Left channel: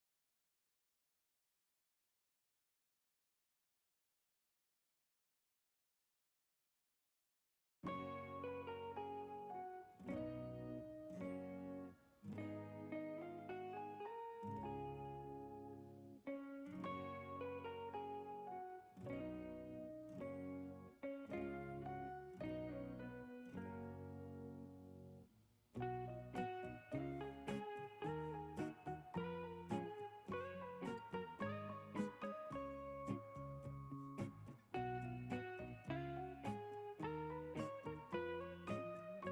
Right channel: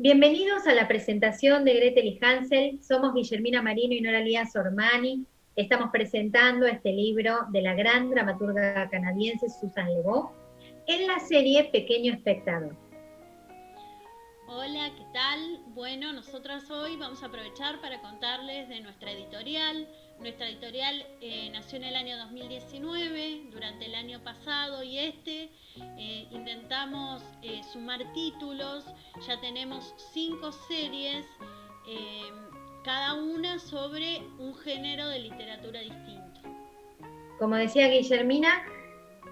Bienvenidos a la presentación de Gretel y Hansel. Somos Guillermina Marino y Nora Lía Sormani. Estamos presentando este libro de la gran dramaturga canadiense Susan Le Beau en la serie Pequeño Espectador. Hola, ¿qué tal? Bueno, nosotras hoy vamos a aprovechar para contarles de nuestra editorial. Nuestra editorial nació en el año 2019, durante el año pasado y intentamos sumar títulos. Ya tenemos 5 series, cada una sobre un género de literatura distinto. Como decía Guillermina,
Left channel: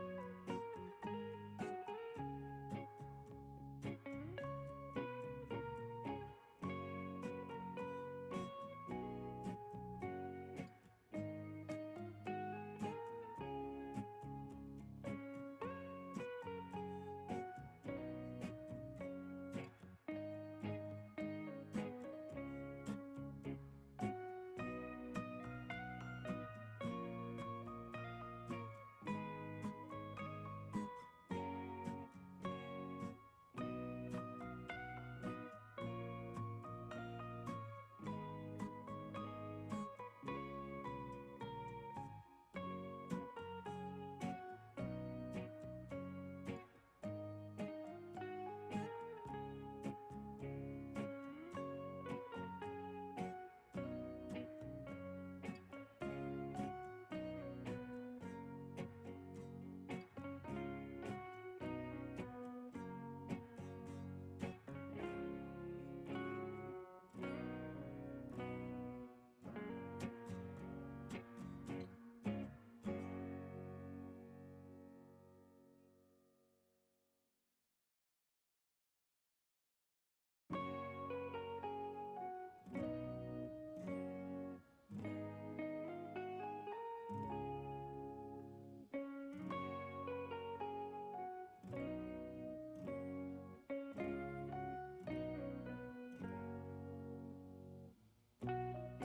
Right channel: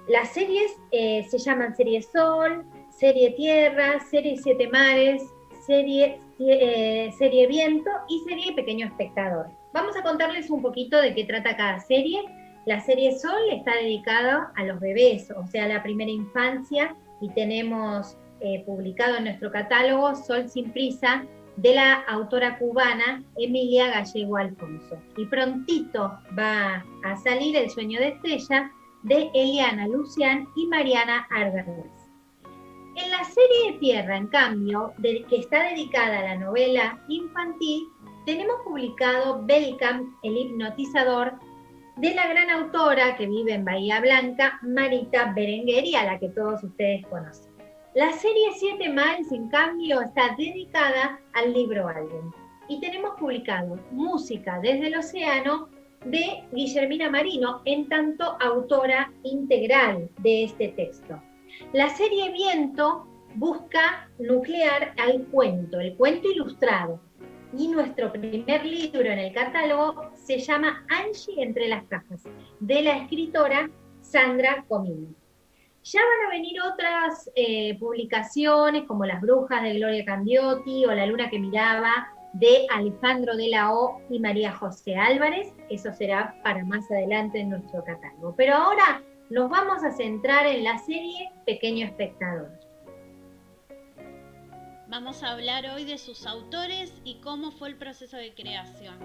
las series se llaman Serie Sol, Serie Tierra, Serie Siete Mares, Serie Viento y Serie Pequeño Espectador. Vamos a contarles un poquito de qué trata cada serie. La serie Sol está dedicada a los bebés, o sea, a la primera infancia, y tenemos publicado en nuestro catálogo Sol sin prisa, de la autora cubana Emilia Gallego Alfonso. Y prontito va a salir El sueño de Estrella, de Eliana Lucián y Mariana Argerles. En la serie Tierra, en cambio, que está dedicada a la novela infantil, tenemos publicado Belcamp, el hipnotizador, de la gran autora que vive en Bahía Blanca, Marita Berenguer, a la que todos ustedes conocen. La serie Siete Mares, en cambio, está dedicada al libro álbum. Y tenemos publicado Música desde el Océano, de Guillermina Marino, en tanto autora integral de este texto. La serie Viento busca nuclear al cuento, el cuento ilustrado. Y nuestro primer libro en el catálogo se llama Angie entre las cajas, de la escritora Sandra Comini. Ya van a venir otras publicaciones, como Las brujas de Gloria Candiotti o La luna que miraba, de Alejandro de la O y María José Álvarez. Eso será para más adelante en nuestro catálogo. Pero ahora nos vamos a centrar en la serie Pequeño Espectador. Vamos a hablar hoy de sus autores y cómo fue el proceso de creación.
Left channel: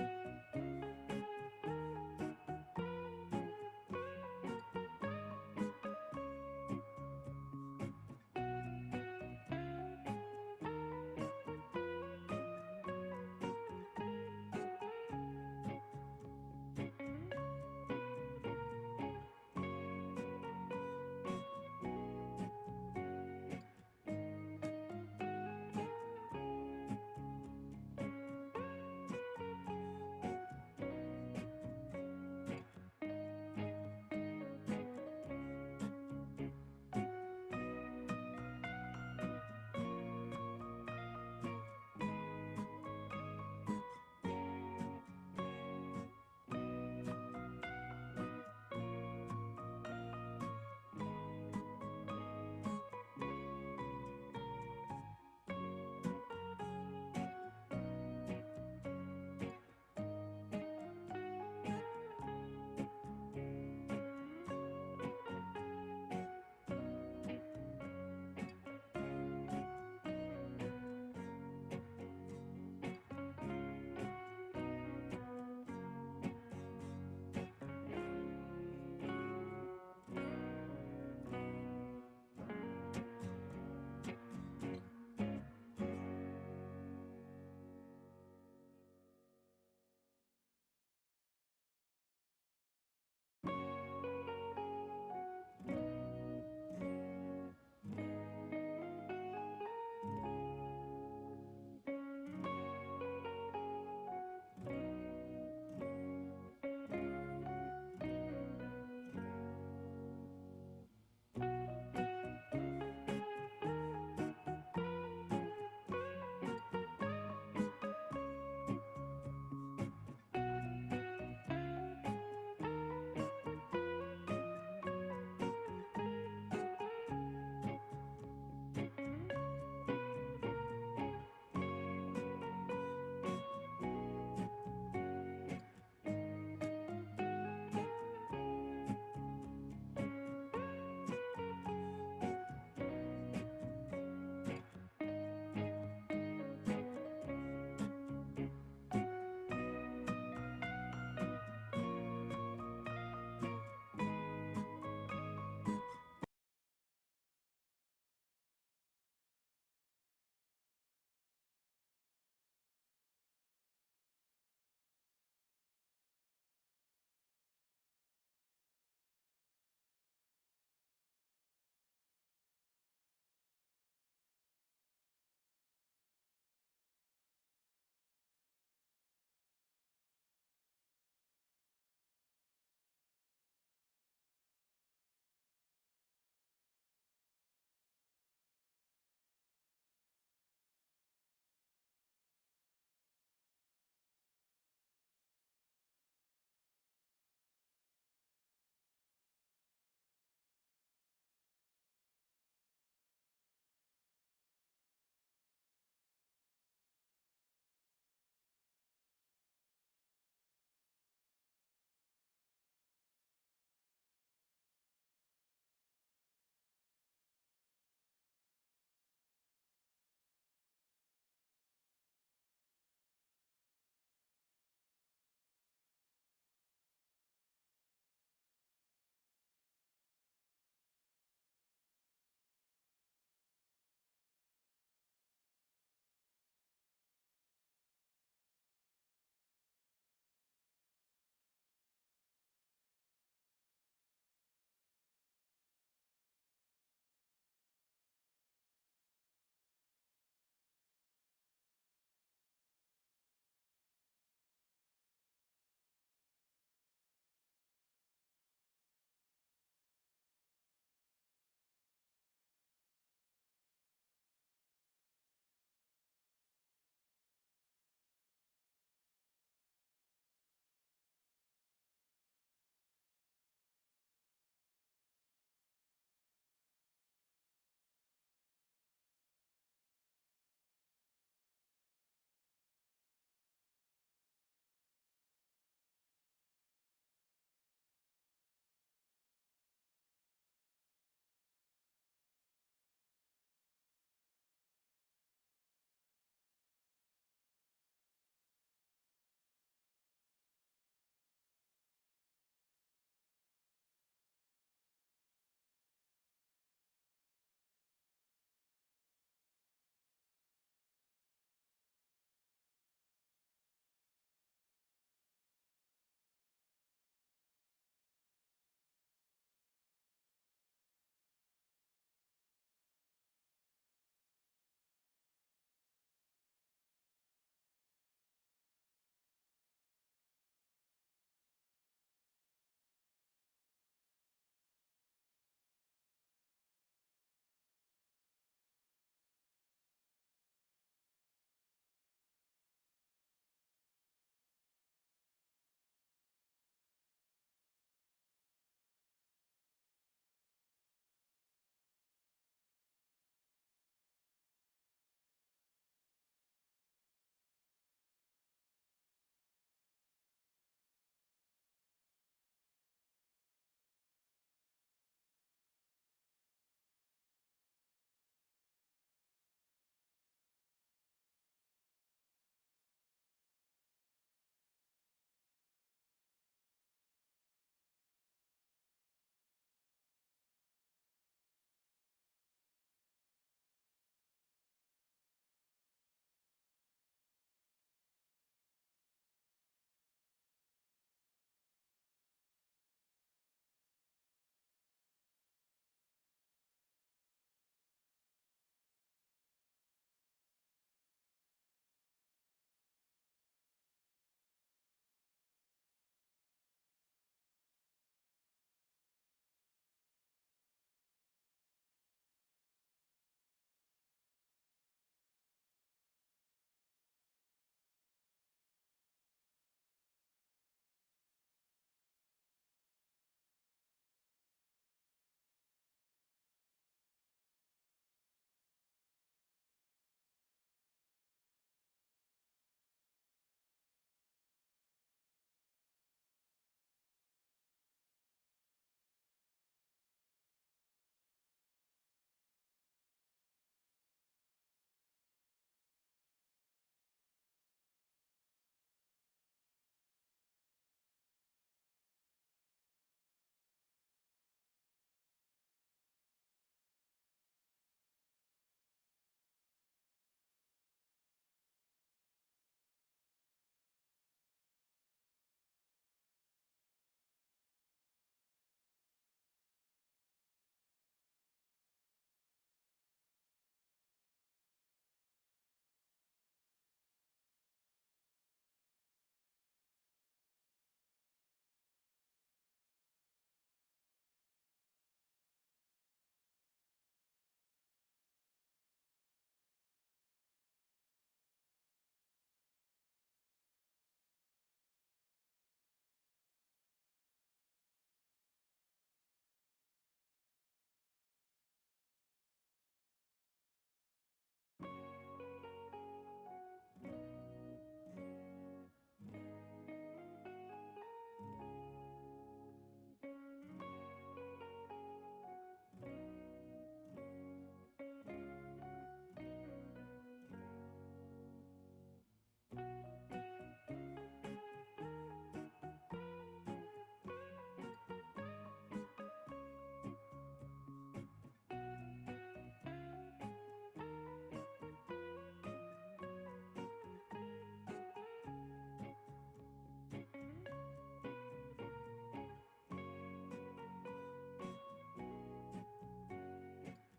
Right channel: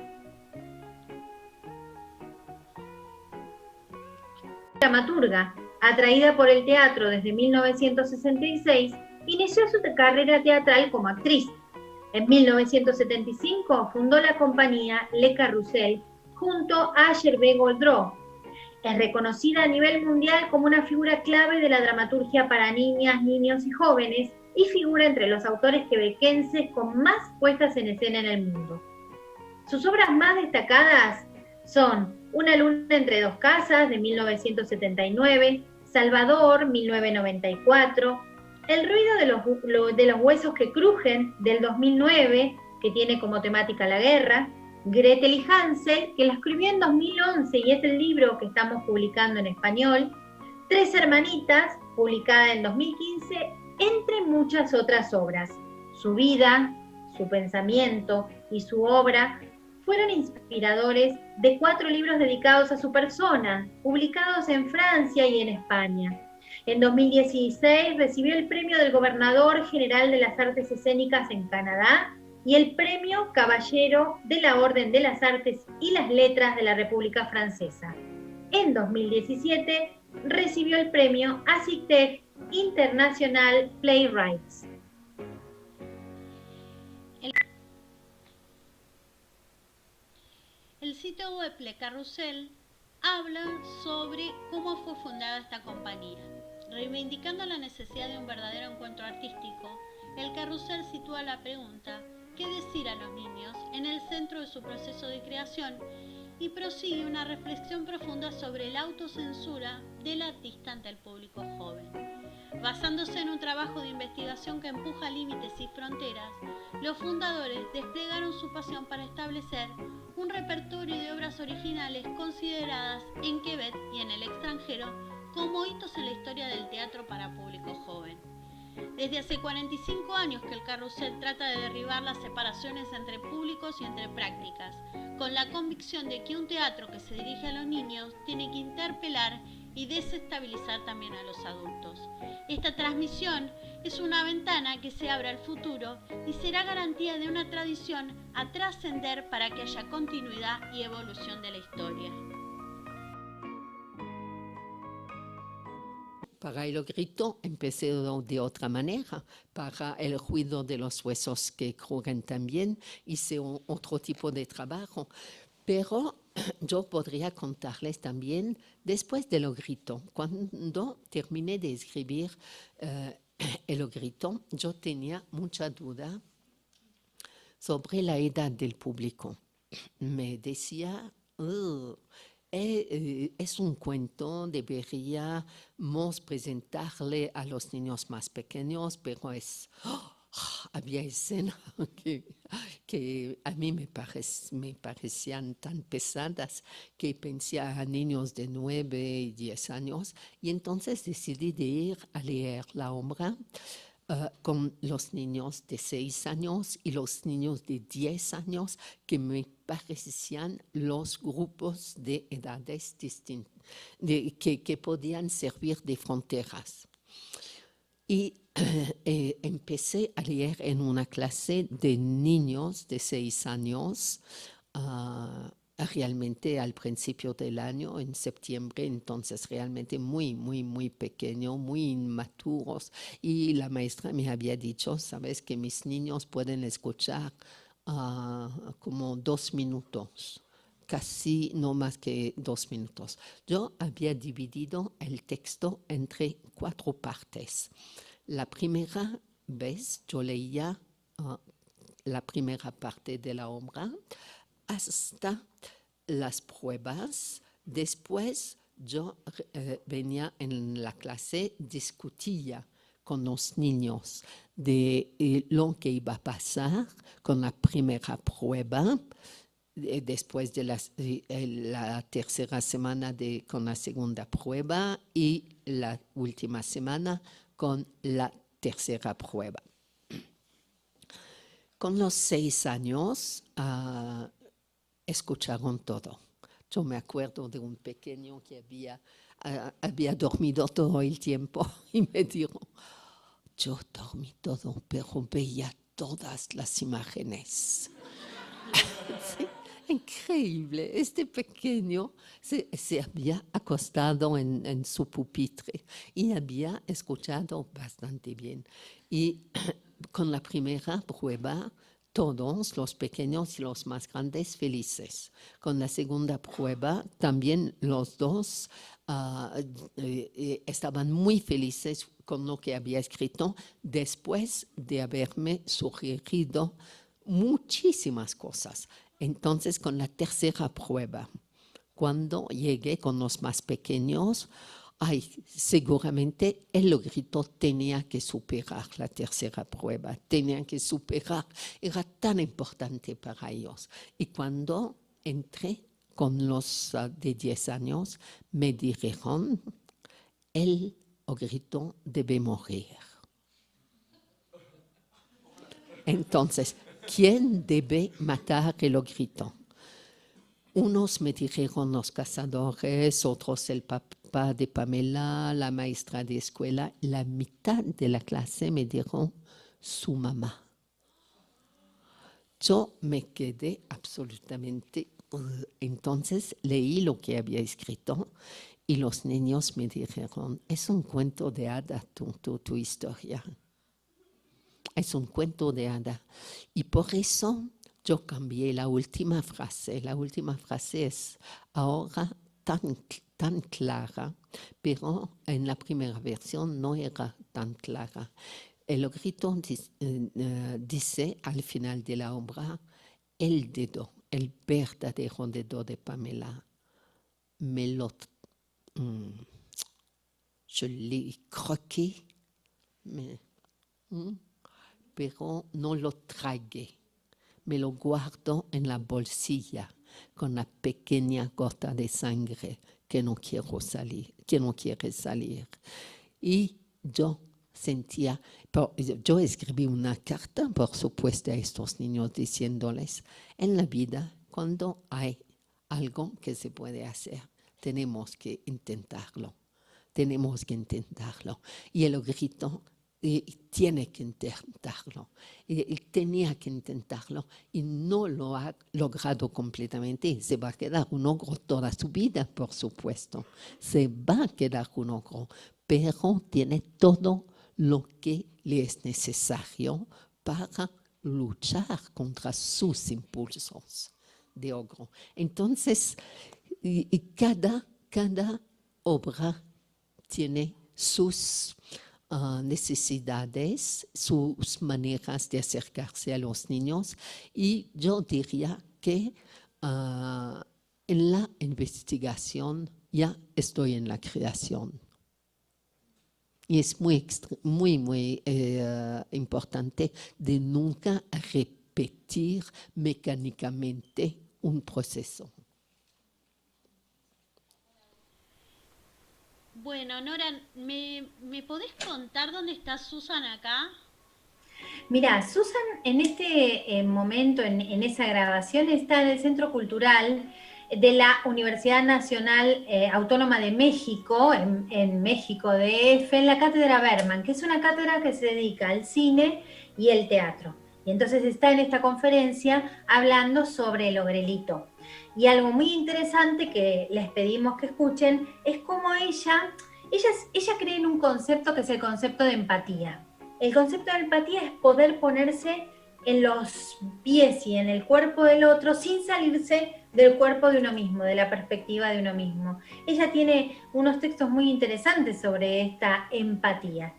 Dramaturga, atraída por el teatro desde 1966, inició su carrera teatral como actriz. En 1975 fundó la compañía Le Carrousel junto a Gervais Goldreau. Es reconocida a nivel mundial como una figura clave de la dramaturgia para niñas, niños y jóvenes, y figura entre los autores quebequenses con más puestas en escena en el mundo. Sus obras más destacadas son Una luna entre dos casas, de 1979, Salvador, 1994, El ruido de los huesos que crujen, del 2009, que tiene como temática la guerra, Gretel y Hansel, que la escribió en 2011 y es el libro que estamos publicando en español, Tres hermanitas, publicada en 2015, entre muchas otras obras. Su vida, su pensamiento y su obra fueron inspiradores de 4 libros dedicados a su persona, publicados en Francia y en España. En 2016 recibió el premio del Gobernador General de las Artes Escénicas en Canadá y el premio Caballero de la Orden de las Artes y las Letras de la República Francesa. En 2017 recibió el premio ASICTEF International Playwrights. El sitio web Le Carrousel habla sobre cómo fue fundada esta compañía. Reivindicando la necesidad de un verdadero encuentro artístico, el Carrousel sitúa la pregunta ¿qué decir a los niños? En el centro de su proceso de creación y prosigue una reflexión profunda sobre la autocensura del artista ante el público joven. Basándose en un trabajo de investigación que empuja límites y fronteras, los fundadores desplegaron su pasión para establecer un repertorio de obras originales consideradas en Quebec y en el extranjero como hitos en la historia del teatro para público joven. Desde hace 45 años que el Carrousel trata de derribar las separaciones entre públicos y entre prácticas, con la convicción de que un teatro que se dirige a los niños tiene que interpelar y desestabilizar también a los adultos. Esta transmisión es una ventana que se abre al futuro y será garantía de una tradición a trascender para que haya continuidad y evolución de la historia. Para el grito empecé de otra manera. Para el ruido de los huesos que crujen también hice otro tipo de trabajo. Pero yo podría contarles también después del grito. Cuando terminé de escribir el grito, yo tenía mucha duda sobre la edad del público. Me decía, es un cuento, deberíamos presentarle a los niños más pequeños, pero había escenas que a mí me parecían tan pesadas que pensé a niños de 9 y 10 años, y entonces decidí de ir a leer la obra con los niños de 6 años y los niños de 10 años, que me parecían los grupos de edades distintas, que podían servir de fronteras. Y empecé a leer en una clase de niños de 6 años, realmente al principio del año, en septiembre, entonces realmente muy, muy, muy pequeño, muy inmaturos. Y la maestra me había dicho, sabes, que mis niños pueden escuchar como 2 minutos, casi no más que 2 minutos. Yo había dividido el texto entre 4 partes. La primera vez yo leía la primera parte de la obra hasta las pruebas. Después yo venía en la clase, discutía con los niños de lo que iba a pasar con la primera prueba, después de la tercera semana con la segunda prueba y la última semana con la tercera prueba. Con los 6 años escucharon todo. Yo me acuerdo de un pequeño que había dormido todo el tiempo y me dijo, yo dormí todo, pero veía todas las imágenes. Sí, increíble. Este pequeño se había acostado en su pupitre y había escuchado bastante bien. Y con la primera prueba, todos los pequeños y los más grandes felices. Con la segunda prueba, también los dos estaban muy felices con lo que había escrito después de haberme sugerido muchísimas cosas. Entonces, con la tercera prueba, cuando llegué con los más pequeños, seguramente el grito tenía que superar la tercera prueba, tenía que superar, era tan importante para ellos. Y cuando entré con los de 10 años, me dijeron, el grito debe morir. Entonces, ¿quién debe matar el grito? Unos me dijeron los cazadores, otros el papá de Pamela, la maestra de escuela. La mitad de la clase me dijeron su mamá. Yo me quedé absolutamente... Entonces leí lo que había escrito y los niños me dijeron, es un cuento de hadas tu historia. Es un cuento de hadas. Y por eso yo cambié la última frase. La última frase es ahora tan clara, pero en la primera versión no era tan clara. El grito dice al final de la obra, el dedo, el verdadero dedo de Pamela, je l'ai croqué, pero no lo tragué. Me lo guardo en la bolsilla con la pequeña gota de sangre que no quiere salir. Y yo sentía, yo escribí una carta, por supuesto, a estos niños diciéndoles, en la vida, cuando hay algo que se puede hacer, tenemos que intentarlo. Y el grito y tiene que intentarlo. Y tenía que intentarlo y no lo ha logrado completamente. Y se va a quedar un ogro toda su vida, por supuesto. Se va a quedar un ogro, pero tiene todo lo que le es necesario para luchar contra sus impulsos de ogro. Entonces, y cada obra tiene sus necesidades, sus maneras de acercarse a los niños, y yo diría que en la investigación ya estoy en la creación. Y es muy importante de nunca repetir mecánicamente un proceso. Bueno, Nora, ¿me podés contar dónde está Susan acá? Mira, Susan en este momento, en esa grabación, está en el Centro Cultural de la Universidad Nacional Autónoma de México, en México DF, en la Cátedra Berman, que es una cátedra que se dedica al cine y el teatro. Y entonces está en esta conferencia hablando sobre el ogrelito. Y algo muy interesante que les pedimos que escuchen es cómo ella cree en un concepto que es el concepto de empatía. El concepto de empatía es poder ponerse en los pies y en el cuerpo del otro sin salirse del cuerpo de uno mismo, de la perspectiva de uno mismo. Ella tiene unos textos muy interesantes sobre esta empatía.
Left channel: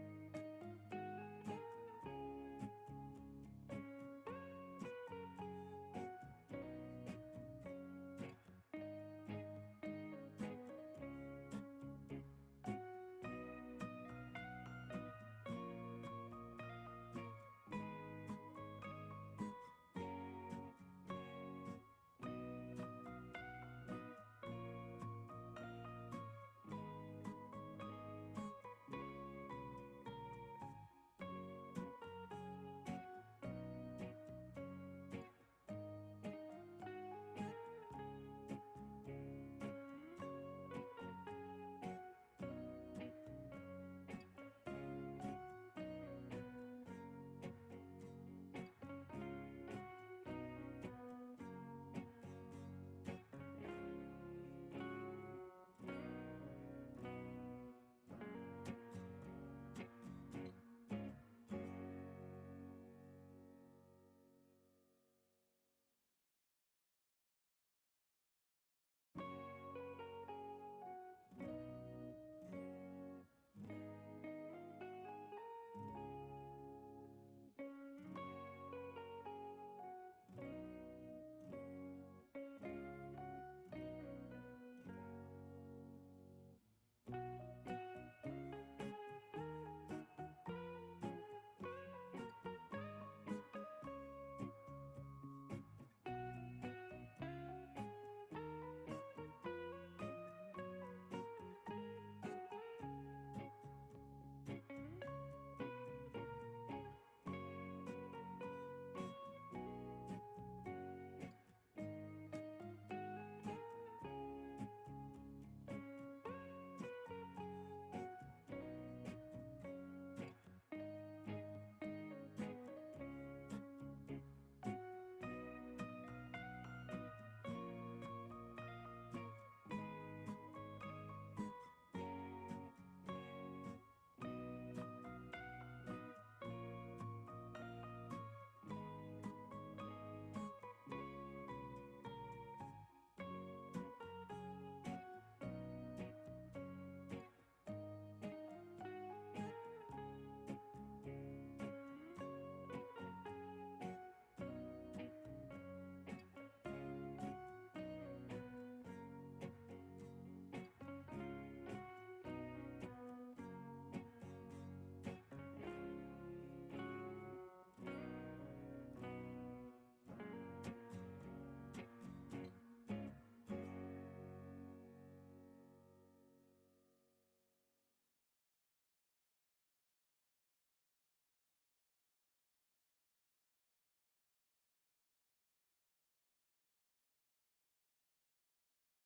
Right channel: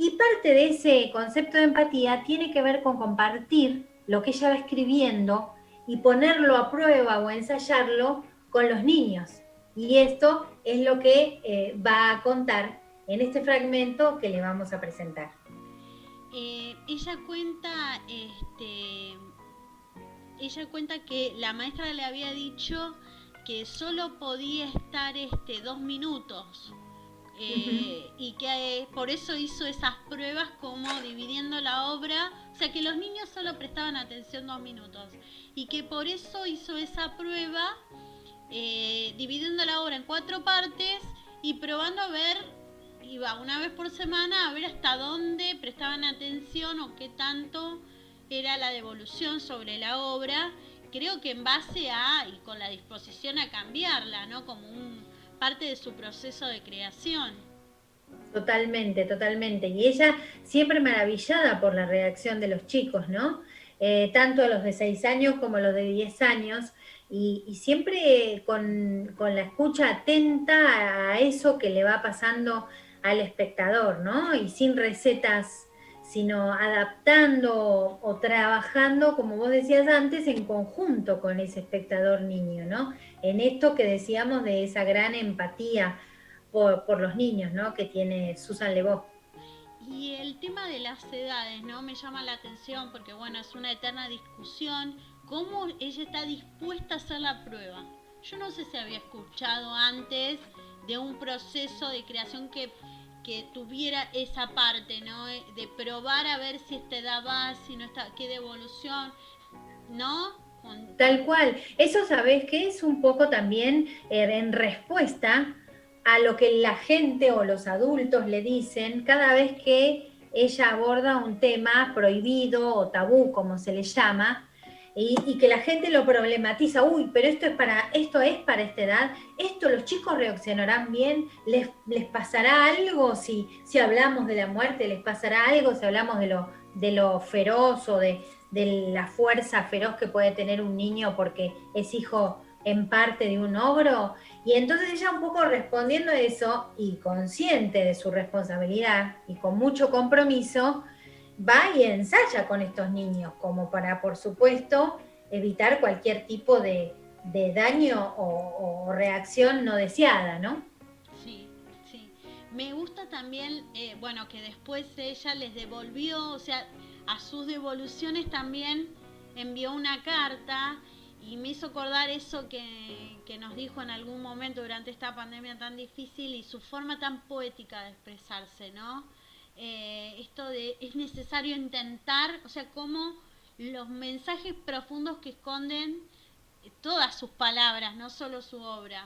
Y parte de ese concepto de empatía tiene que ver con compartir lo que ella va escribiendo y ponerlo a prueba o ensayarlo con los niños. Y esto es lo que va a contar en este fragmento que le vamos a presentar. Ella cuenta que la maestra le había dicho que solo podía estar 2 minutos y que por eso hizo esas pruebas como dividiendo la obra, o sea que los niños solo prestaban atención 2 minutos y que por eso hizo esa prueba dividiendo la obra en 4 partes y probando a ver, iba una vez por semana a ver hasta dónde prestaban atención o qué tanto era la devolución sobre la obra, creo que en base a y con la disposición a cambiarla, ¿no? Como parte de su proceso de creación. Totalmente, totalmente. Y ella siempre maravillada por la reacción de los chicos, ¿no? Tanto los de 6 años como los de 10 años, y siempre con la escucha atenta a eso que le va pasando al espectador, ¿no? Y sin recetas, sino adaptando o trabajando, como vos decías antes, en conjunto con ese espectador niño, ¿no? En esto que decíamos de esa gran empatía por los niños, ¿no? Que tiene Susan Le Beau. Y el tema de las edades, ¿no? Me llama la atención porque, bueno, es una eterna discusión. ¿Cómo ella está dispuesta a hacer la prueba? Yo no sé si había escuchado antes de un proceso de creación que tuviera esa parte, ¿no? De probar a ver si esta edad va, si no está, qué devolución, ¿no? Tal cual. Eso, ¿sabés qué? Es un poco también en respuesta a lo que la gente o los adultos le dicen cada vez que ella aborda un tema prohibido o tabú, como se le llama, y que la gente lo problematiza. Uy, pero esto es para esta edad, esto los chicos reaccionarán bien, les pasará algo si hablamos de la muerte, les pasará algo si hablamos de lo feroz o de la fuerza feroz que puede tener un niño porque es hijo en parte de un ogro. Y entonces ella, un poco respondiendo a eso y consciente de su responsabilidad y con mucho compromiso, va y ensaya con estos niños como para, por supuesto, evitar cualquier tipo de daño o reacción no deseada, ¿no? Sí, sí. Me gusta también, bueno, que después ella les devolvió, o sea, a sus devoluciones también envió una carta y me hizo acordar eso que nos dijo en algún momento durante esta pandemia tan difícil y su forma tan poética de expresarse, ¿no? Esto de es necesario intentar, o sea, como los mensajes profundos que esconden todas sus palabras, no solo su obra.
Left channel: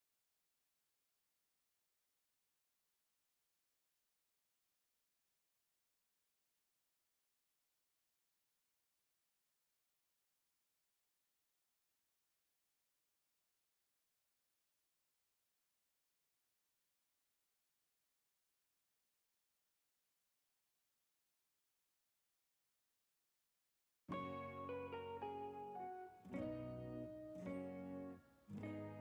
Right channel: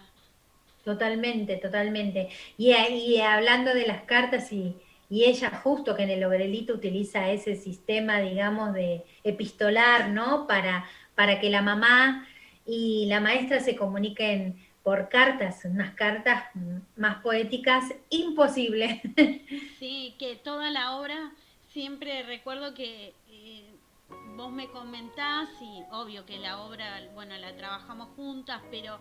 Totalmente, totalmente. Y hablando de las cartas y y ella justo que en el Ogrelito utiliza ese sistema, digamos, de epistolar, ¿no? Para que la mamá y la maestra se comuniquen por cartas, unas cartas más poéticas, imposible. Sí, que toda la obra, siempre recuerdo que vos me comentás, y obvio que la obra, bueno, la trabajamos juntas, pero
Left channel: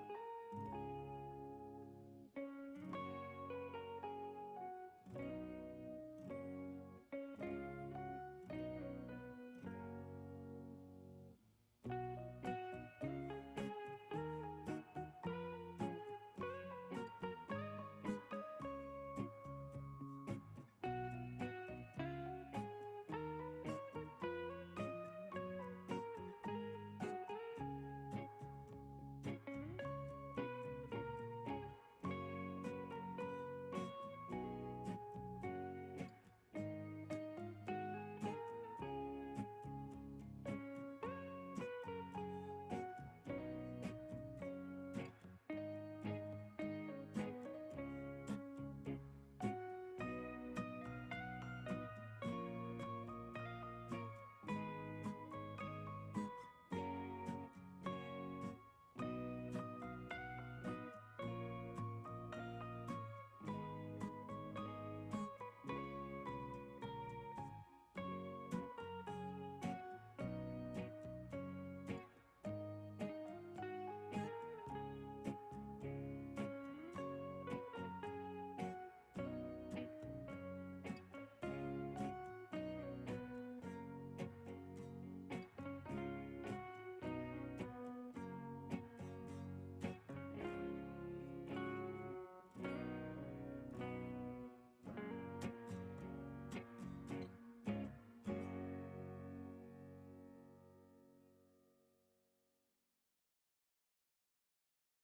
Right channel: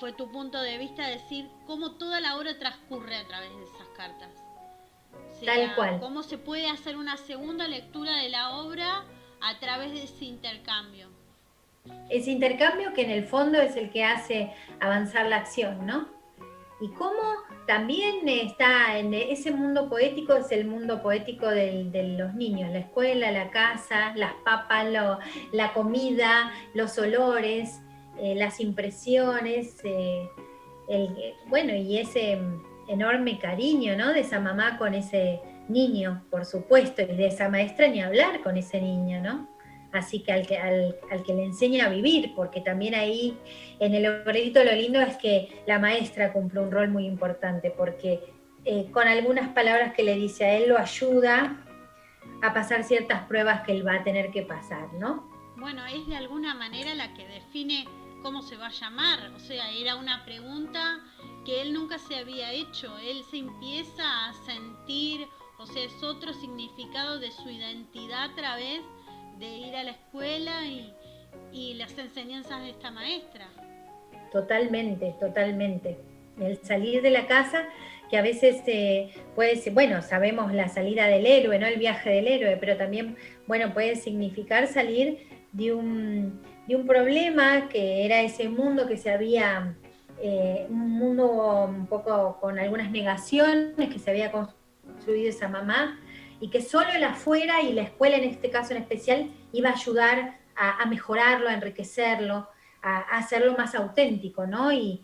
fue tu punto de vista decir cómo toda la obra transcurre a través de esas cartas. O Tal sea, cual. cómo se puede hacer una segunda lectura de la obra a través de ese intercambio. Ese intercambio que en el fondo es el que hace avanzar la acción, ¿no? Y cómo también está en ese mundo poético, es el mundo poético de los niños, la escuela, la casa, las papas, la comida, los olores, las impresiones, bueno, y ese enorme cariño, ¿no? De esa mamá con ese niño, por supuesto, y de esa maestra ni hablar con ese niño, ¿no? Así que al que le enseña a vivir, porque también ahí en el Ogrelito lo lindo es que la maestra cumple un rol muy importante, porque con algunas palabras que le dice a él lo ayuda a pasar ciertas pruebas que él va a tener que pasar, ¿no? Bueno, es de alguna manera la que define cómo se va a llamar, o sea, era una pregunta que él nunca se había hecho, él se empieza a sentir, o sea, es otro significado de su identidad a través de ir a la escuela y las enseñanzas de esta maestra. Totalmente, totalmente. El salir de la casa, que a veces puede ser, bueno, sabemos la salida del héroe, ¿no? El viaje del héroe, pero también, bueno, puede significar salir de un problema que era ese mundo que se había, un mundo un poco con algunas negaciones que se había construido esa mamá, y que solo el afuera y la escuela en este caso en especial iba a ayudar a mejorarlo, a enriquecerlo, a hacerlo más auténtico, ¿no? Y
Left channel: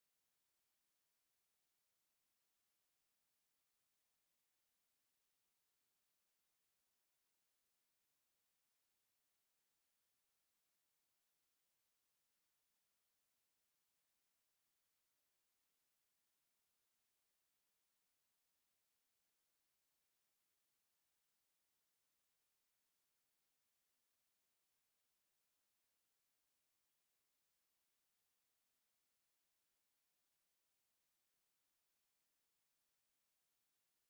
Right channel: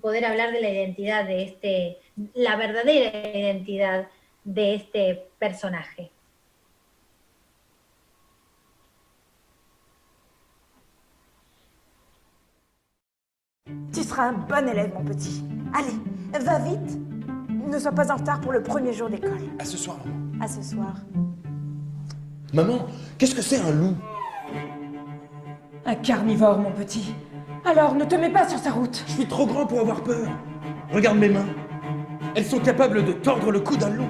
poder hablar de la identidad de la verdadera identidad de este personaje. Tu seras un bon élève, mon petit. Allez, va vite. Ne sois pas en retard pour le premier jour d'école. À ce soir, maman. À ce soir. Maman, qu'est-ce que c'est un loup? Un carnivore, mon petit. Alors, ne te mets pas sur sa route. Je suis trop grand pour avoir peur. Regarde mes mains. Elles sont capables de tordre le cou d'un loup.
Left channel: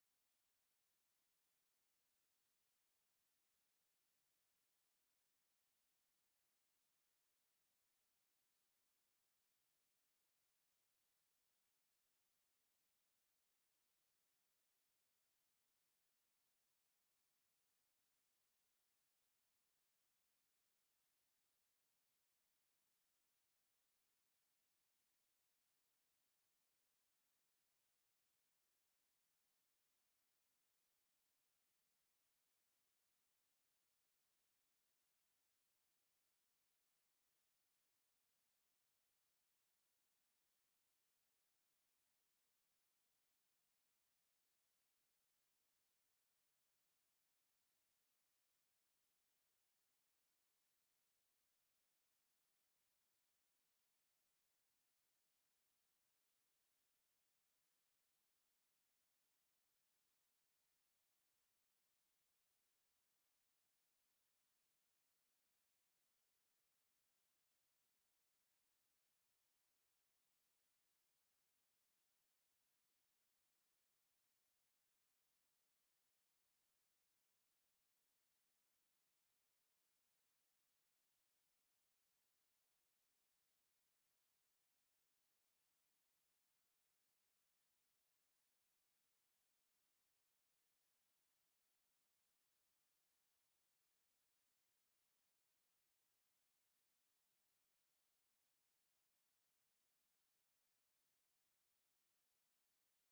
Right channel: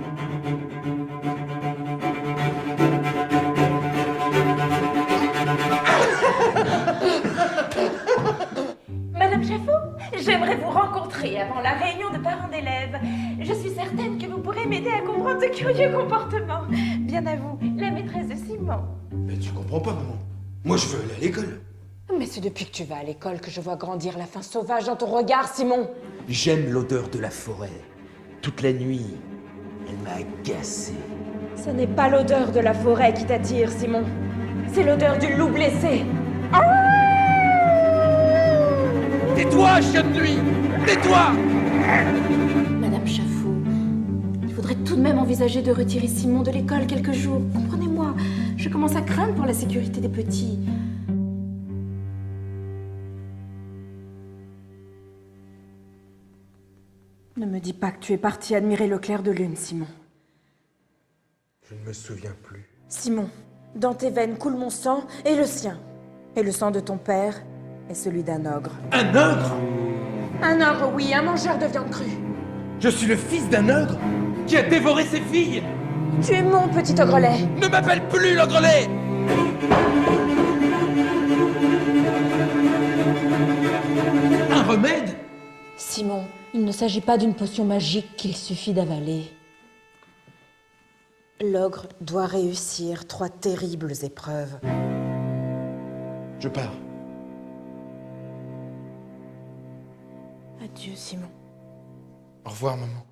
Madame Chaffot, j'aimerais vous rencontrer avant la réunion de parents d'élèves. Je suis certaine que vous pourrez m'aider à comprendre ce curieux comportement. Bien à vous, la maîtresse de Simon. Mais tu comprends pas, maman. Moi, je veux aller à l'école. Mais c'est depuis que tu vas à l'école que je vois grandir la faim sauvage dans ton regard, Simon. J'aime l'odeur de la forêt. Toute la nuit, elle m'a agacé. Ce n'est pas l'odeur de la forêt qui t'attire, Simon. C'est l'odeur du loup blessé. Tais-toi, chien de nuit! Tais-toi! Madame Chaffot, il faudrait tout de même envisager de retirer Simon de l'école quelques jours. Comprenez-moi, je commence à craindre pour la sécurité des petits. Ne me dis pas que tu es parti admirer le clair de lune, Simon. Je ne me souviens plus. Simon, dans tes veines coule mon sang et le sien. Et le sang de ton père est celui d'un ogre. Un ogre? Un ogre, oui, un mangeur de viande crue. Je suis le fils d'un ogre qui a dévoré ses filles. Tu es mon petit ogrelet. Ne m'appelle plus l'ogrelet! Un remède? Simon, il ne s'agit pas d'une potion magique qu'il suffit d'avaler. L'ogre doit réussir 3 terribles épreuves. Je pars. Adieu, Simon. Au revoir, maman.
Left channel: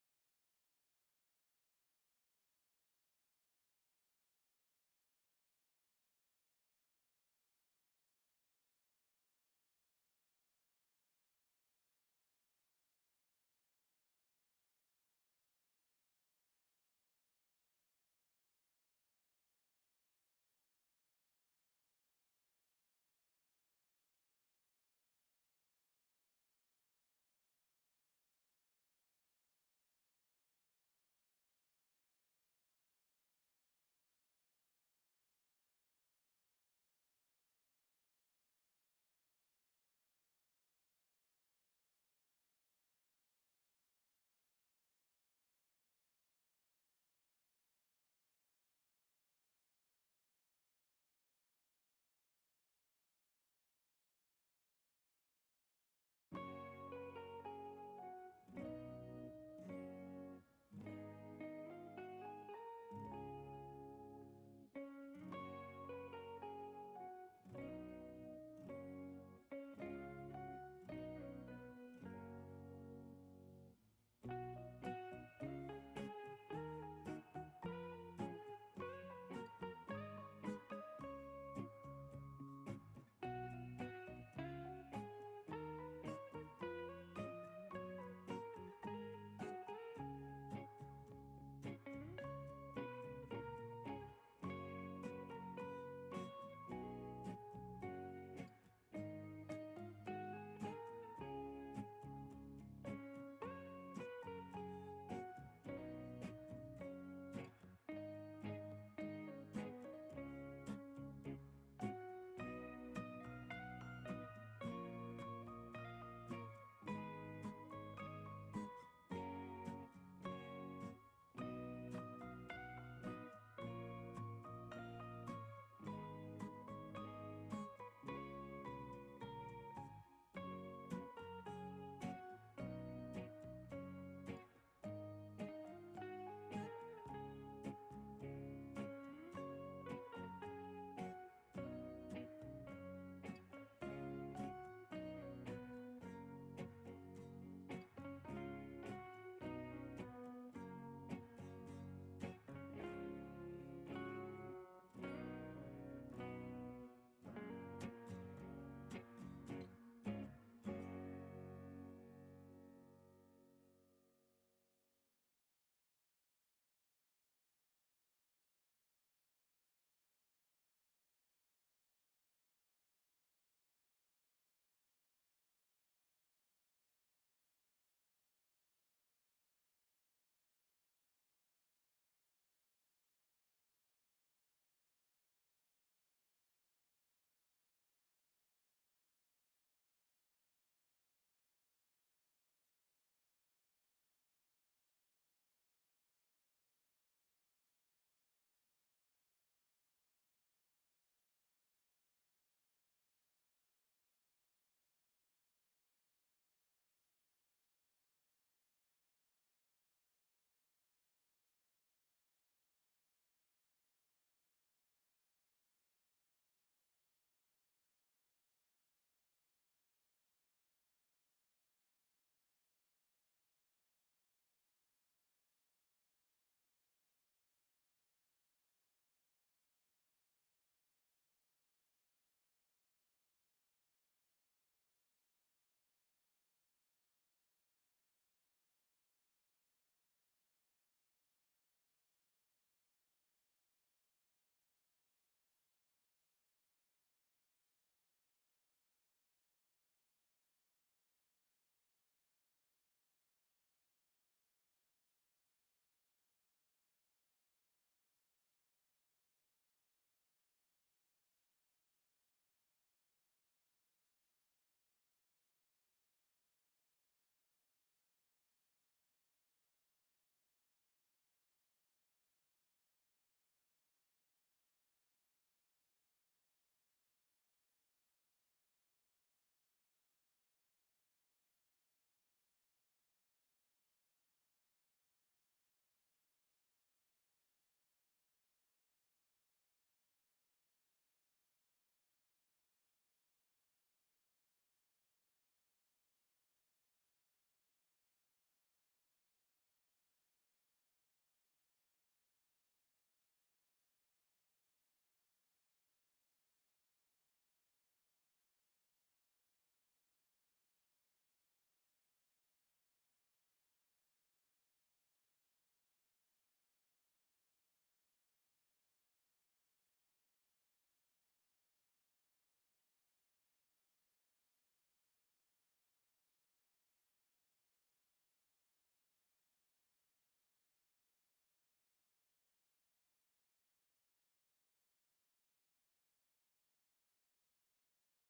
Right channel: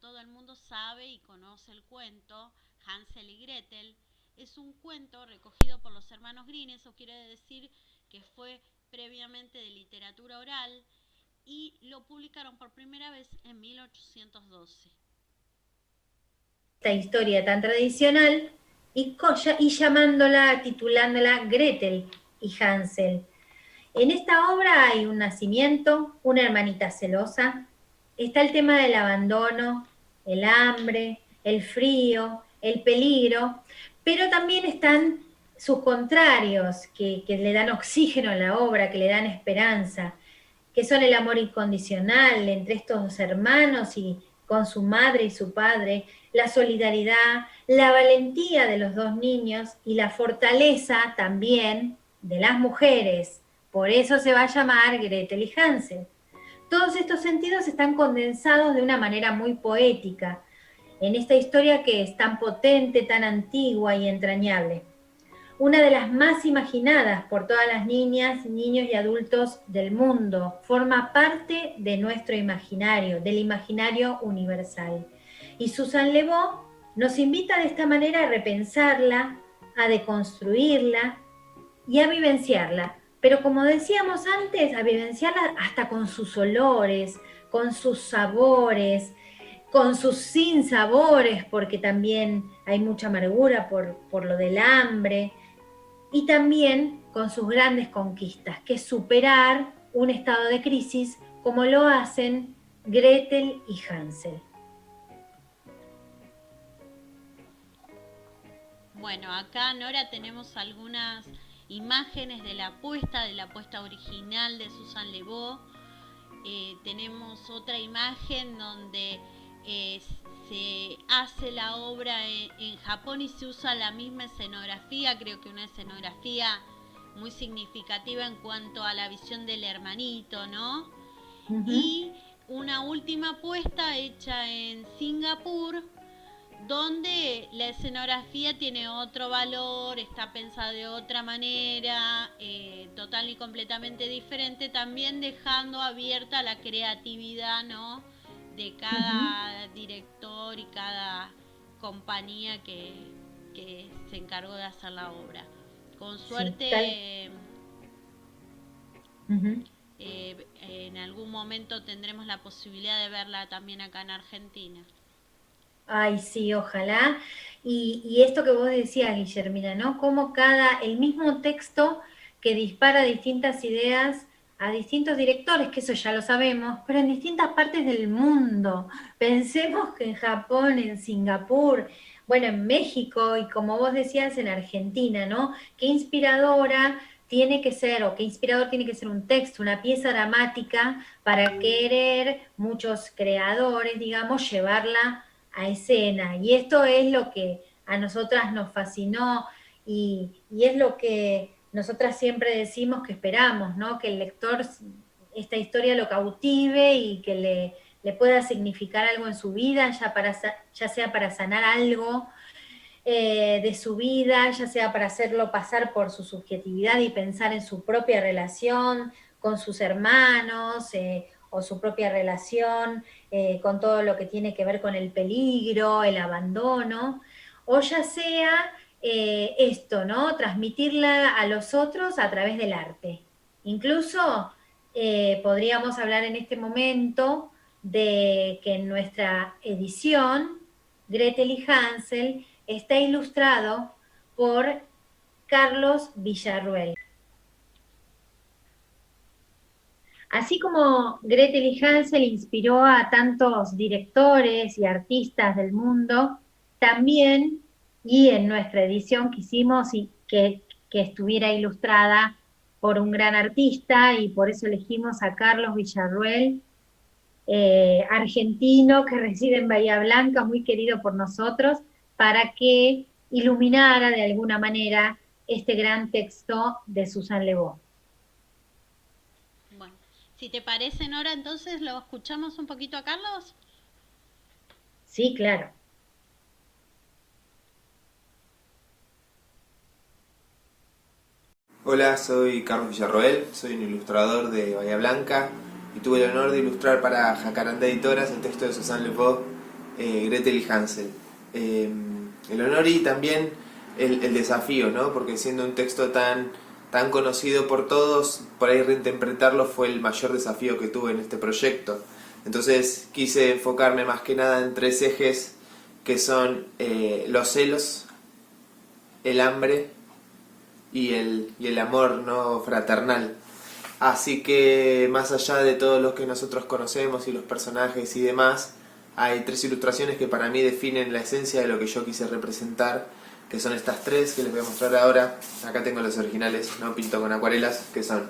Todo el mundo sabe y conoce el cuento Hansel y Gretel. Es un cuento recogido por los hermanos Grimm, eso quiere decir que fue previamente de literatura oral y lo publicaron por primera vez en 1812. Esta historia tan tradicional y titulándola Gretel y Hansel. En esta obra hay un nacimiento, una hermanita celosa, está el tema del abandono, el hambre, el frío, el peligro, pero también están sus contrarios, que le dan oxígeno a la obra, que le dan esperanza, que son el amor incondicional entre estos hermanos y con su madre y su padre, la solidaridad, la valentía de los dos niños y la fortaleza también de las mujeres. Por eso se va a llamar Gretel y Hansel. Todos estos sentidos están condensados de una manera muy poética en esta historia que es tan potente, tan antigua y entrañable. Una de las más imaginadas por todas las niñas, niños y adultos del mundo. Forma parte de nuestro imaginario, del imaginario universal. Y Susan Le Beau nos invita de esta manera a repensarla, a deconstruirla y a vivenciarla. Pero como decíamos antes, a vivenciarla hasta con sus olores, con sus sabores, con sus sinsabores, porque también hay mucha amargura por lo del hambre, y también con sus grandes conquistas, que es superar un estado de crisis como lo hacen Gretel y Hansel. Bueno, acá, Nora, tenemos algunas imágenes de la puesta original de Susan Le Beau. Tenemos otra imagen donde se hace la obra en Japón y se usa la misma escenografía, creo que una escenografía muy significativa en cuanto a la visión del hermanito, ¿no? Uh-huh. Y una última puesta hecha en Singapur, donde la escenografía tiene otro valor, está pensada de otra manera, total y completamente diferente, también dejando abierta la creatividad, ¿no?, de cada director y cada compañía que se encargó de hacer la obra. Con suerte, en algún momento tendremos la posibilidad de verla también acá en Argentina. Ay, sí, ojalá. Y esto que vos decías, Guillermina, ¿no? Como el mismo texto que dispara distintas ideas a distintos directores, que eso ya lo sabemos, pero en distintas partes del mundo. Pensemos que en Japón, en Singapur, bueno, en México y como vos decías, en Argentina, ¿no? Qué inspiradora tiene que ser, o qué inspirador tiene que ser un texto, una pieza dramática para querer muchos creadores, digamos, llevarla a escena. Y esto es lo que a nosotras nos fascinó y es lo que nosotras siempre decimos que esperamos, ¿no? Que el lector esta historia lo cautive y que le pueda significar algo en su vida, ya sea para sanar algo de su vida, ya sea para hacerlo pasar por su subjetividad y pensar en su propia relación con sus hermanos, o su propia relación con todo lo que tiene que ver con el peligro, el abandono, o ya sea esto, ¿no? Transmitirla a los otros a través del arte. Incluso podríamos hablar en este momento de que en nuestra edición, Gretel y Hansel está ilustrado por Carlos Villarruel. Así como Gretel y Hansel inspiró a tantos directores y artistas del mundo, también, y en nuestra edición quisimos que estuviera ilustrada por un gran artista, y por eso elegimos a Carlos Villarruel, argentino que reside en Bahía Blanca, muy querido por nosotros, para que iluminara de alguna manera este gran texto de Susan Le Beau. Si te parece, Nora, entonces lo escuchamos un poquito a Carlos. Sí, claro. Hola, soy Carlos Villarroel, soy un ilustrador de Bahía Blanca y tuve el honor de ilustrar para Jacaranda Editoras el texto de Susan Le Beau, Gretel y Hansel. El honor y también el desafío, ¿no? Porque siendo un texto tan conocido por todos, por ahí reinterpretarlo fue el mayor desafío que tuve en este proyecto. Entonces quise enfocarme más que nada en 3 ejes que son los celos, el hambre y el amor no fraternal. Así que más allá de todos los que nosotros conocemos y los personajes y demás, hay 3 ilustraciones que para mí definen la esencia de lo que yo quise representar, que son estas 3 que les voy a mostrar ahora. Acá tengo los originales, no pinto con acuarelas, que son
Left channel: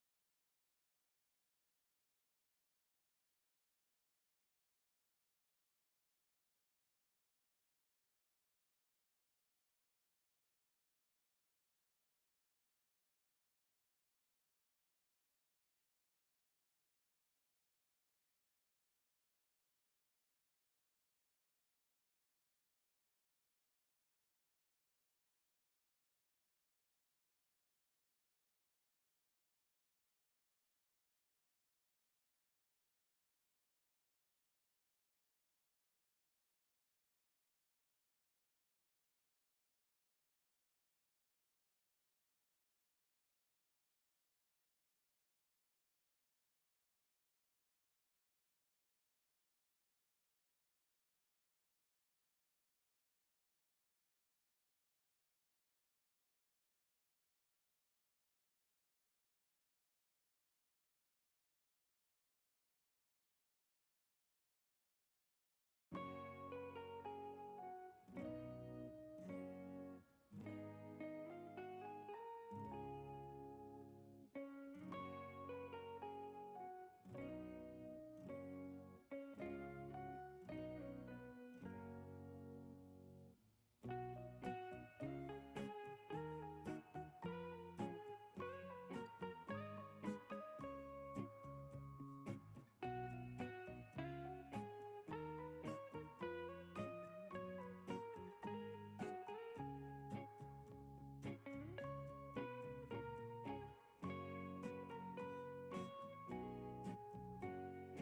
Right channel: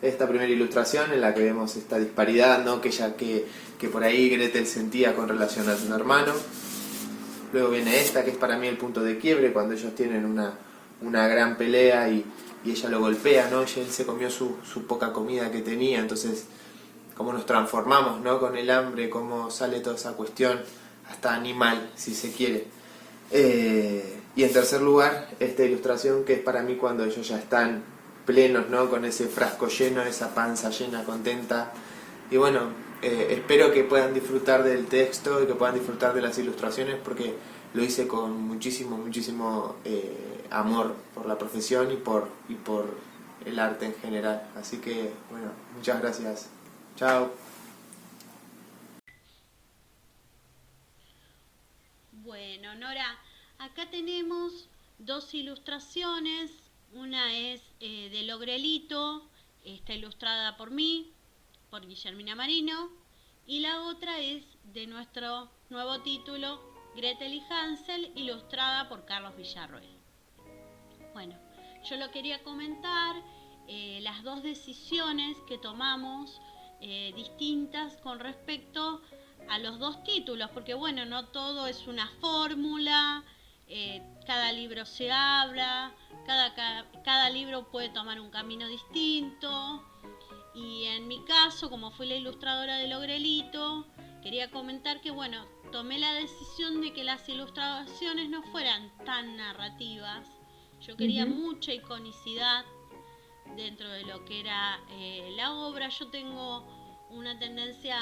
esta primera ilustración en la que vemos esta disparidad, ¿no? que por ahí Gretel sentía con relación a su hermano. Luego viene esta, que es para mí el punto de quiebre, cuando ellos tienen una gran pelea y ella lo golpea, ¿no? Y él se comió su poca comida que tenía, entonces cómo nos transformamos, ¿no? Con el hambre, cómo sale toda esa cuestión, hasta animal, si se quiere. Y en tercer lugar, esta ilustración que es para mí cuando ellos ya están plenos, ¿no? Con ese frasco lleno, esa panza llena, contenta. Y bueno, espero que puedan disfrutar del texto y que puedan disfrutar de las ilustraciones, porque lo hice con muchísimo amor por la profesión y por el arte en general. Así que, bueno, muchas gracias. Chao. Bueno, Nora, acá tenemos 2 ilustraciones. Una es del Ogrelito, está ilustrada por mí, por Guillermina Marino, y la otra es de nuestro nuevo título, Gretel y Hansel, ilustrada por Carlos Villarroel. Bueno, yo lo quería comentar, las 2 decisiones que tomamos distintas con respecto a los 2 títulos, porque bueno, no todo es una fórmula, cada libro se habla, cada libro puede tomar un camino distinto, y en mi caso, como fui la ilustradora del Ogrelito, quería comentar que bueno, tomé la decisión de que las ilustraciones no fueran tan narrativas. Yo quería mucha iconicidad dentro de lo que era la obra. Yo tengo una tendencia,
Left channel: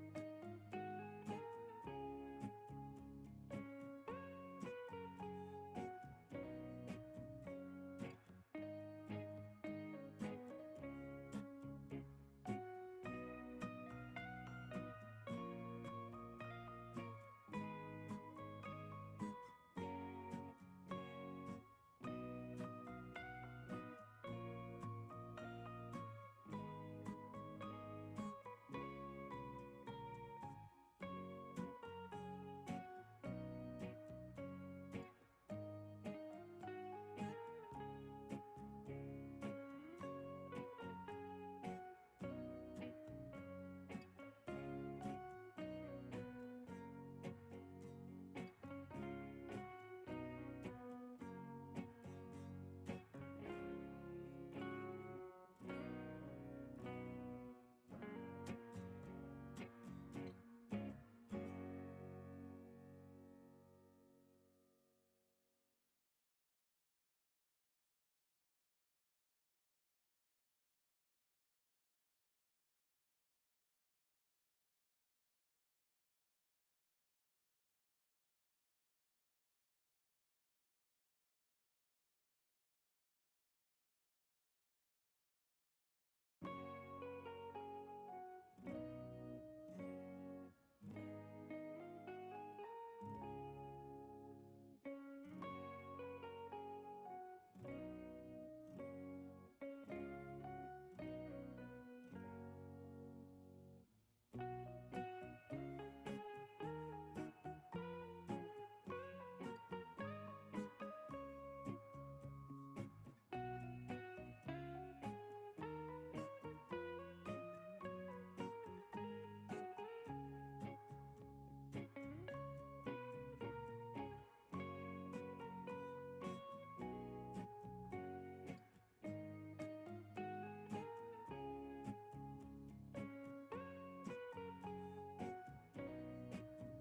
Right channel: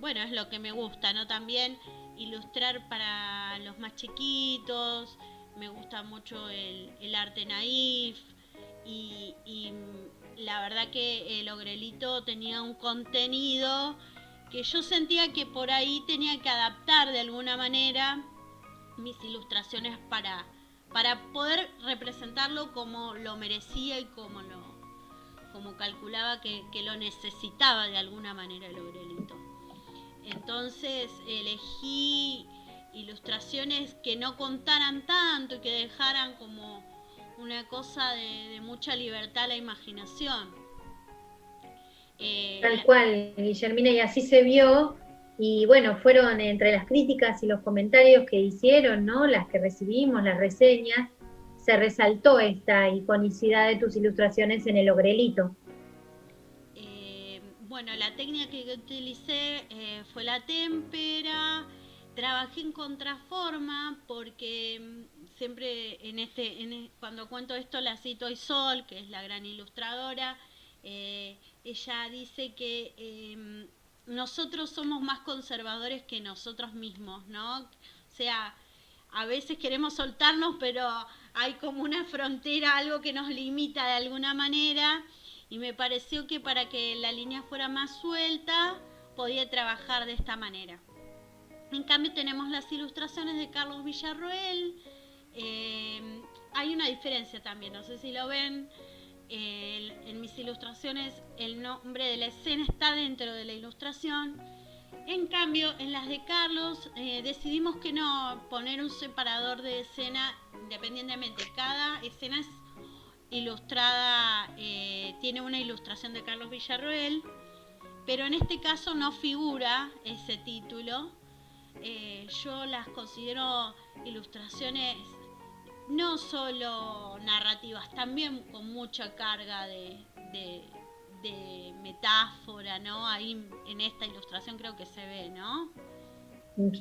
bueno, es lo que me gusta, ¿no? También ilustrar para los más chiquitos, me gusta mucho el arte naif, y la verdad que el Ogrelito tenía un contenido que yo sentía que por ahí tenía que adaptar de alguna manera mis ilustraciones para poder representarlo como lo merecía y como calculaba que lo necesitaba de alguna manera el Ogrelito. Entonces elegí ilustraciones que no contaran tanto y que dejaran como una cosa de mucha libertad a la imaginación. Tal cual, Guillermina, y así se vio. Y bueno, fueron entre las críticas y los comentarios que hicieron, ¿no? Las que recibimos, las reseñas, se resaltó esta iconicidad de tus ilustraciones en el Ogrelito. Bueno, la técnica que utilicé fue la témpera. Trabajé en contraforma porque siempre cuando cuento esto la cito a Isol, que es la gran ilustradora. Ella dice que nosotros somos más conservadores que nosotros mismos, ¿no? O sea, a veces queremos soltarnos, pero hay como una frontera, algo que nos limita de alguna manera, y me pareció que para que la línea fuera más suelta, podía trabajar de esta manera. En cambio tenemos las ilustraciones de Carlos Villarroel. Hay una diferencia también, no sé si lo ven. En mis ilustraciones el nombre de la escena está dentro de la ilustración. En cambio, en las de Carlos decidimos que no, poner un separador de escena independientemente. Cada escena es ilustrada, tiene una ilustración de Carlos Villarroel, pero en este caso no figura ese título. Yo las considero ilustraciones no solo narrativas, también con mucha carga de metáfora, ¿no? Ahí en esta ilustración creo que se ve, ¿no?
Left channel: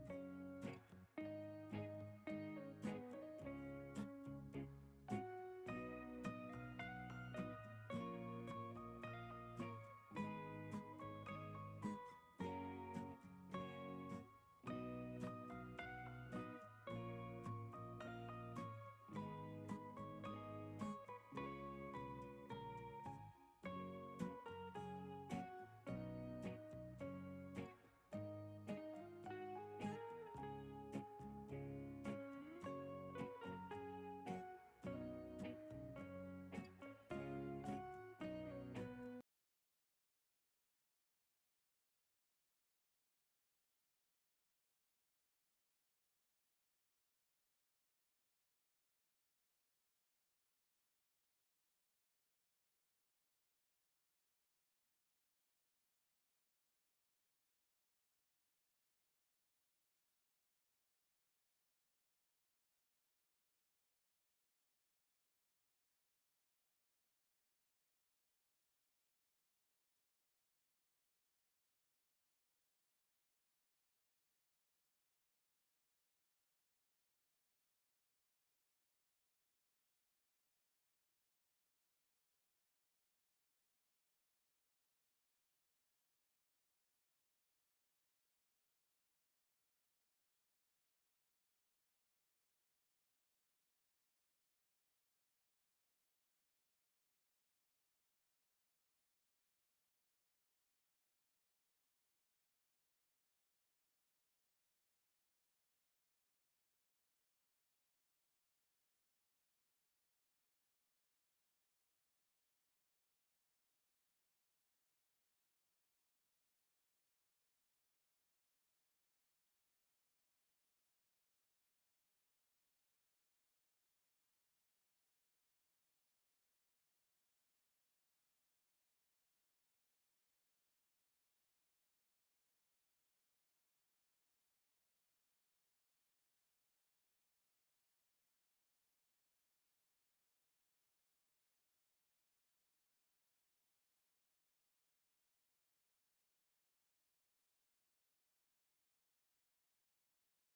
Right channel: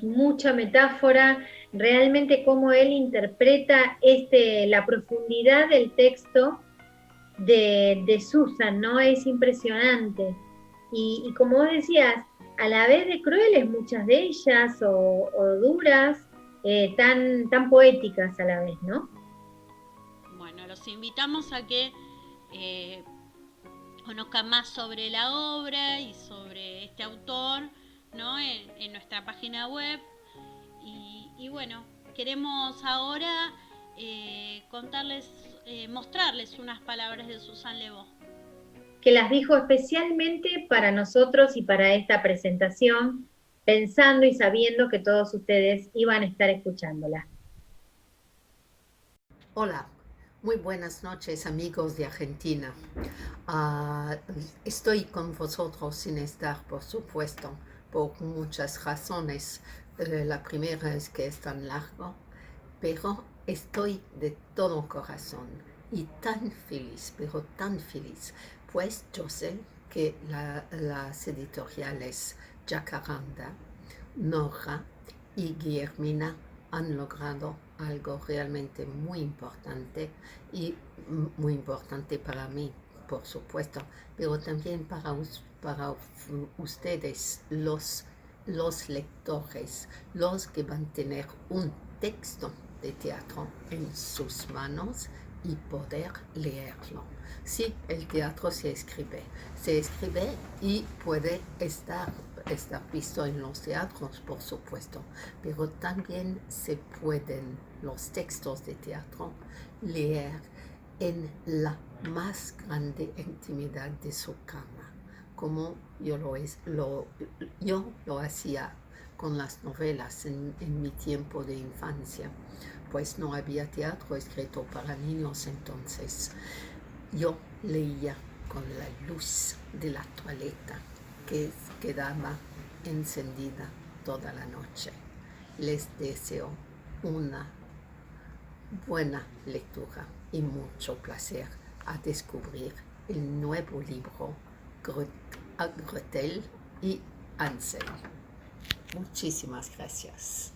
Mucha metáfora, realmente cómo él interpreta la profundidad del texto de Susan, ¿no? Es impresionante. Y como vos decías, a la vez de crueles muchas de ellas, o duras, tan poéticas a la vez, ¿no? Bueno, los invitamos a que conozcan más sobre la obra y sobre este autor, ¿no? En nuestra página web. Y bueno, queremos ahora mostrarles unas palabras de Susan Le Beau. que las dijo especialmente para nosotros y para esta presentación, pensando y sabiendo que todos ustedes iban a estar escuchándola. Hola, muy buenas noches amigos de Argentina. Estoy con vosotros sin estar, por supuesto, por muchas razones. La primera es que es tan largo, pero estoy de todo corazón y tan feliz, pero tan feliz, pues yo sé que las editoriales Jacaranda, Nora y Guillermina han logrado algo realmente muy importante y muy importante para mí, por supuesto, pero también para ustedes, los lectores, los que van a tener un texto de teatro en sus manos y poder leerlo. Sí, el teatro se escribe y puede estar visto en los teatros, por supuesto, pero también se pueden los textos de teatro leer en la más grande intimidad de su cama, como yo lo hacía con las novelas en mi tiempo de infancia, pues no había teatro escrito para niños entonces. Yo leía con la luz de la toaleta que quedaba encendida toda la noche. Les deseo una buena lectura y mucho placer a descubrir el nuevo libro Gretel y Hansel. Muchísimas gracias.